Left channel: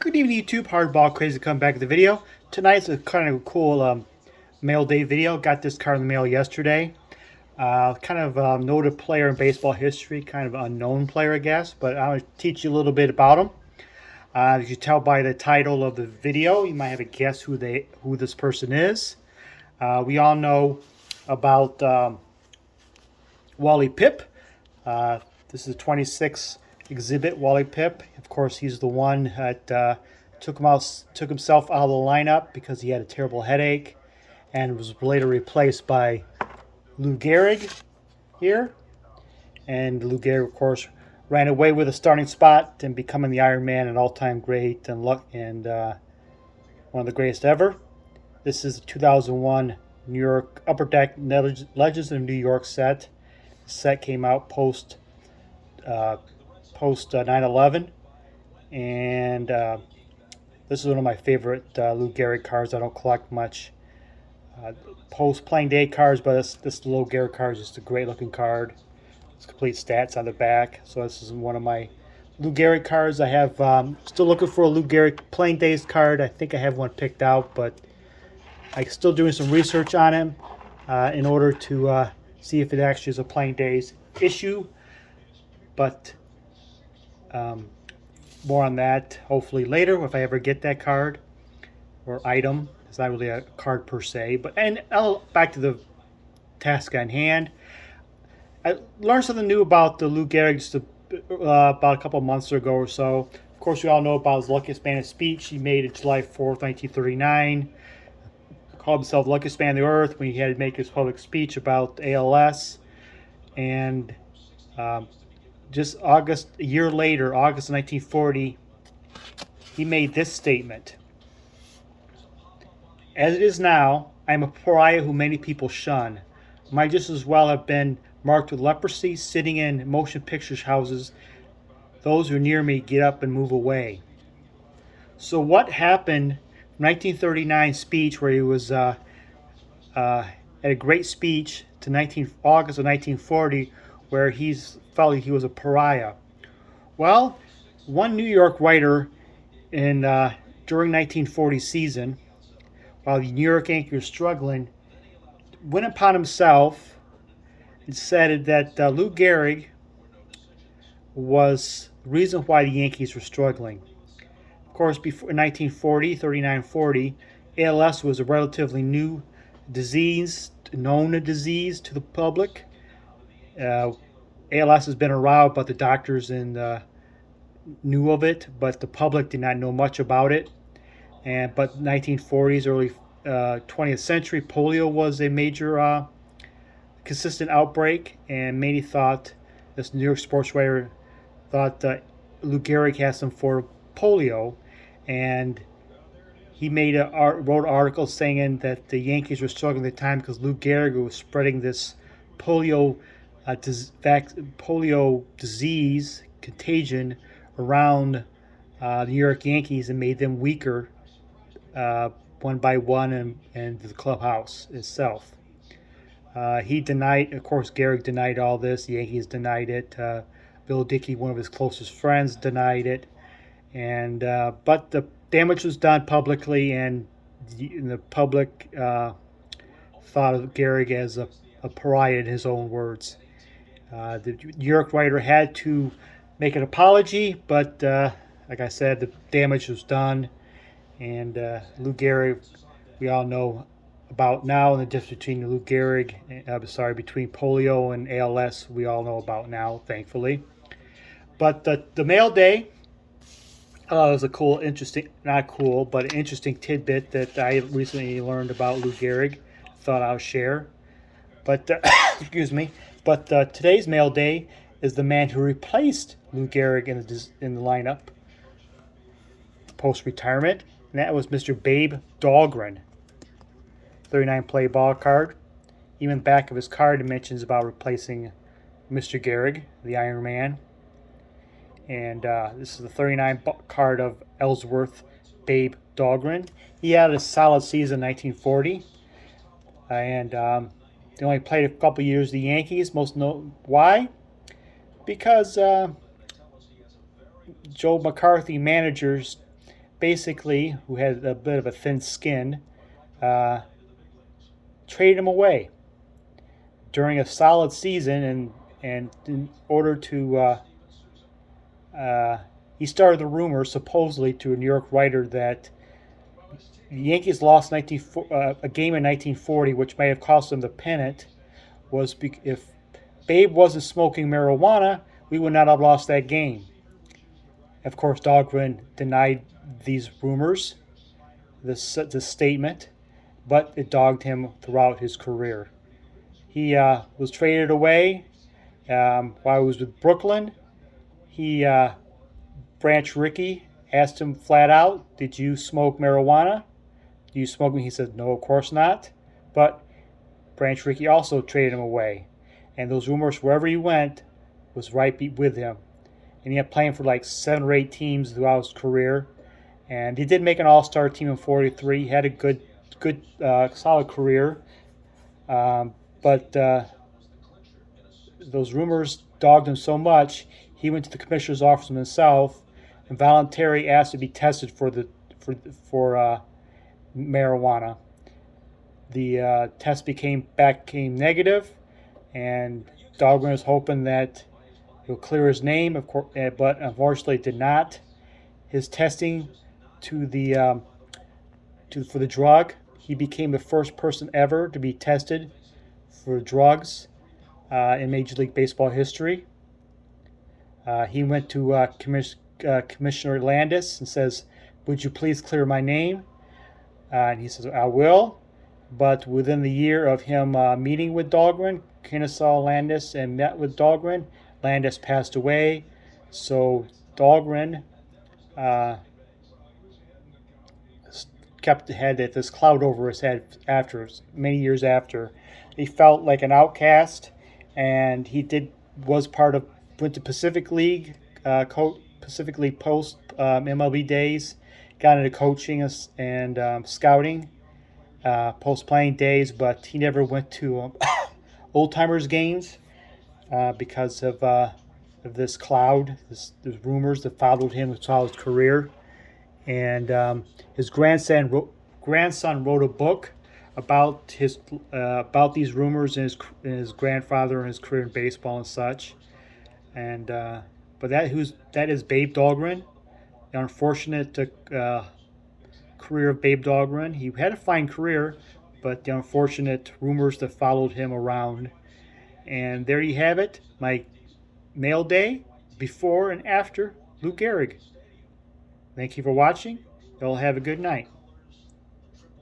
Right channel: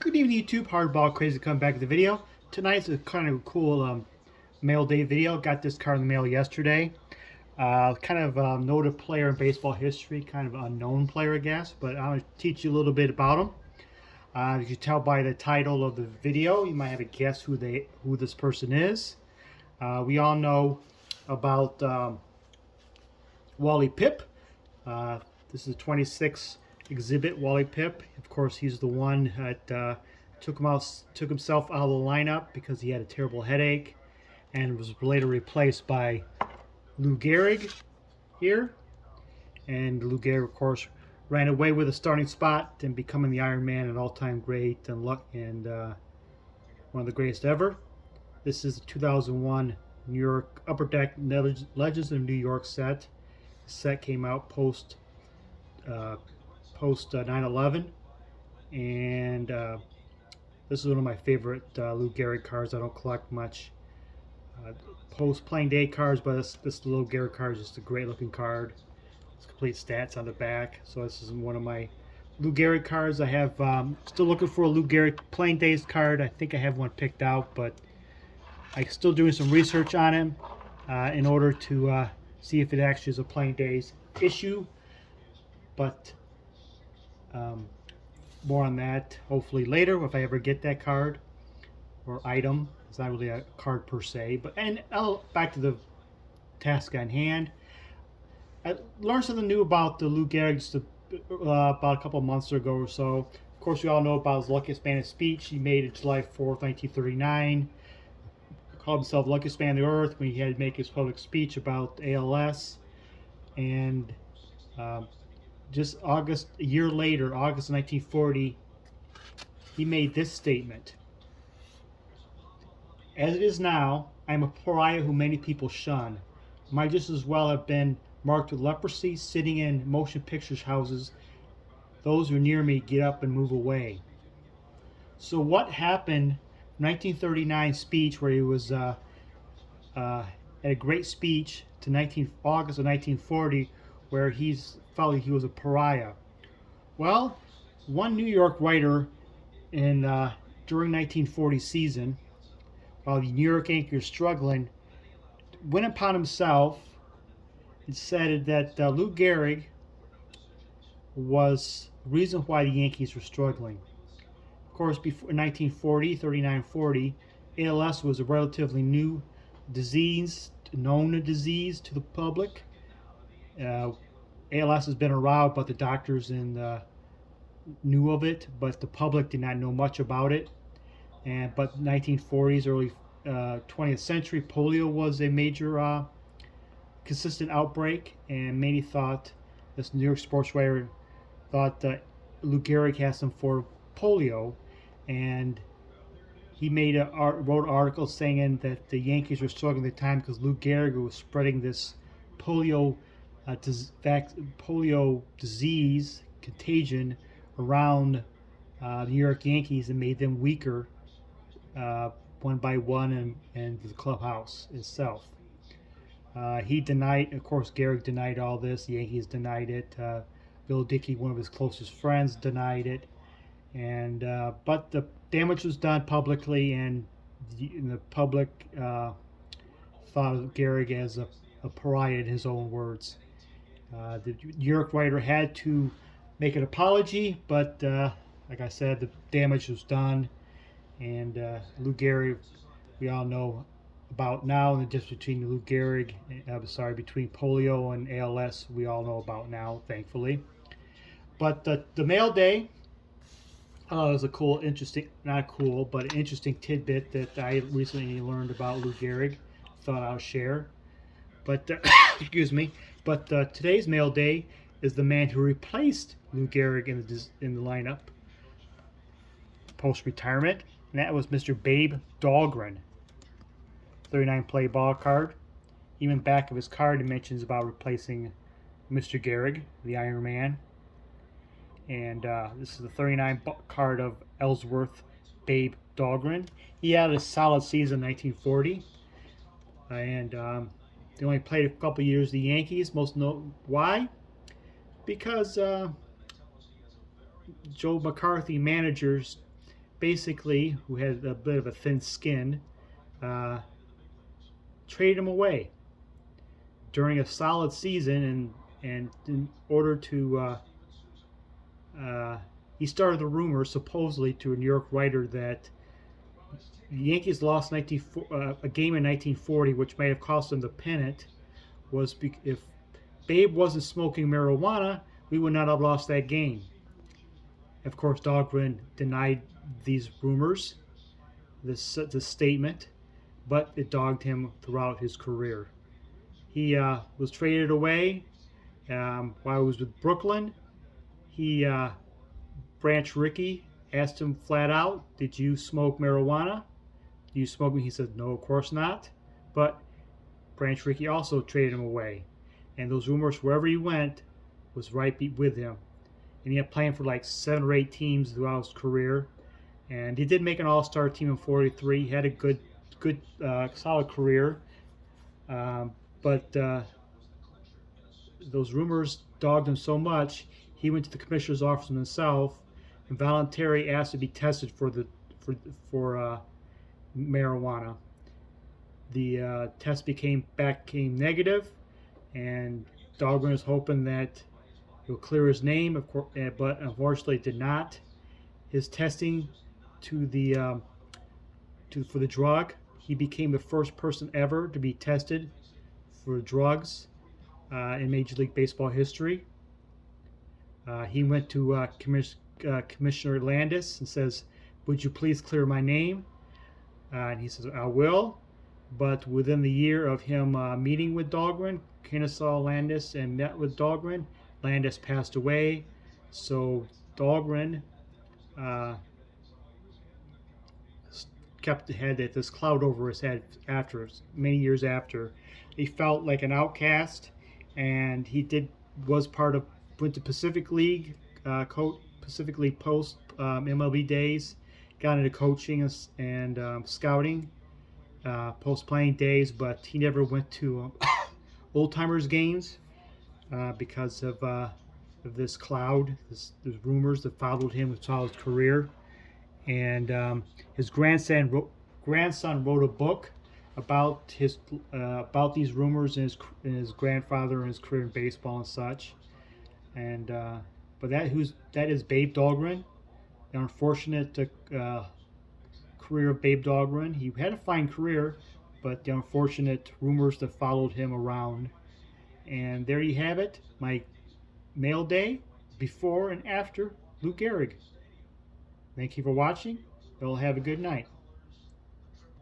Good evening, YouTube. Hardball Crazy to come back to the video. Tonight's a kind of a cool mail day video. Got this card in the mail yesterday. Kind of noted player in baseball history, kind of unknown player, I guess. But I'll teach you a little bit about him. As you tell by the title of the video, you might have a guess who this person is. We all know about Wally Pipp. This is 26 exhibit Wally Pipp. Of course, he's the one that took himself out of the lineup because he had a terrible headache, and was later replaced by Lou Gehrig here. And Lou Gehrig, of course, ran away with a starting spot and becoming the Iron Man, an all-time great and one of the greatest ever. This is the 2001 New York Upper Deck Legends of New York set. The set came out post 9/11, and this is one of my favorite Lou Gehrig cards. I don't collect much post playing day cards, but this Lou Gehrig card is just a great looking card. It's complete stats on the back. So this is one of my Lou Gehrig cards. I have still looking for a Lou Gehrig playing days card. I think I have one picked out, but I'm still doing some research on him in order to see if it actually is a playing days issue. But more on that hopefully later if I ever get that card or item. It's not really a card per se. But back to the task on hand. I learned something new about the Lou Gehrig just about a couple months ago or so. Of course, we all know about his luckiest man speech he made on July 4th, 1939. Called himself the luckiest man on the earth when he had to make his public speech about ALS. And just a year later, August 1940, he made this statement. As it is now, I am a pariah who many people shun. Might just as well have been marked with leprosy, sitting in motion picture houses. Those who are near me get up and move away. So what happened in 1939 speech where he was at a great speech to August of 1940 where he felt he was a pariah? Well, one New York writer during 1940 season, while the New York Yankees were struggling, went upon himself and said that Lou Gehrig was the reason why the Yankees were struggling. Of course, before 1940, 39-40, ALS was a relatively new disease, known disease to the public. ALS has been around, but the doctors knew of it, but the public did not know much about it. But 1940s, early 20th century, polio was a major consistent outbreak, and many thought, this New York sports writer thought Lou Gehrig had some form of polio, and he wrote an article saying that the Yankees were struggling at the time because Lou Gehrig was spreading this polio disease contagion around the New York Yankees and made them weaker one by one and the clubhouse itself. He denied, of course, Gehrig denied all this. The Yankees denied it. Bill Dickey, one of his closest friends, denied it. But the damage was done publicly, and the public thought of Gehrig as a pariah in his own words. The New York writer had to make an apology, but like I said, the damage was done. And Lou Gehrig, we all know about now, and the difference between Lou Gehrig, between polio and ALS, we all know about now, thankfully. But the mail day was a cool, interesting, not cool, but an interesting tidbit that I recently learned about Lou Gehrig. Thought I'll share. But excuse me. But today's mail day is the man who replaced Lou Gehrig in the lineup post-retirement, and that was Mr. Babe Dahlgren. 39 play ball card. Even back of his card it mentions about replacing Mr. Gehrig, the Iron Man. And this is the 39 card of Ellsworth Babe Dahlgren. He had a solid season in 1940. And they only played a couple years the Yankees. Why? Because Joe McCarthy managers basically, who had a bit of a thin skin, uh, traded him away during a solid season, and in order to he started the rumor supposedly to a New York writer that the Yankees lost a game in 1940, which may have cost them the pennant. If Babe wasn't smoking marijuana, we would not have lost that game. Of course, Dahlgren denied these rumors, this statement, but it dogged him throughout his career. He was traded away while he was with Brooklyn. Branch Rickey asked him flat out, "Did you smoke marijuana? Do you smoke?" He said, "No, of course not." But Branch Rickey also traded him away, and those rumors, wherever he went, was right with him. And he had playing for like 7 or 8 teams throughout his career, and he did make an All-Star team in '43. He had a good, solid career, but those rumors dogged him so much, he went to the commissioner's office himself and voluntarily asked to be tested for marijuana. The test came negative, and Dahlgren was hoping that it would clear his name, of course, but unfortunately it did not. His testing for the drug, he became the first person ever to be tested for drugs in Major League Baseball history. He went to Commissioner Landis and says, "Would you please clear my name?" And he says, "I will." But within the year of him meeting with Dahlgren, Kennesaw Landis and met with Dahlgren, Landis passed away. So Dahlgren had this cloud over his head many years after. He felt like an outcast, and he went to Pacific League post MLB days, got into coaching and scouting post playing days, but he never went to old timers games because of this cloud, this rumors that followed him throughout his career. And his grandson wrote a book about these rumors and his grandfather and his career in baseball and such. And but that is Babe Dahlgren. The unfortunate career of Babe Dahlgren. He had a fine career, but the unfortunate rumors that followed him around. And there you have it, my mail day before and after Lou Gehrig. Thank you for watching. Y'all have a good night.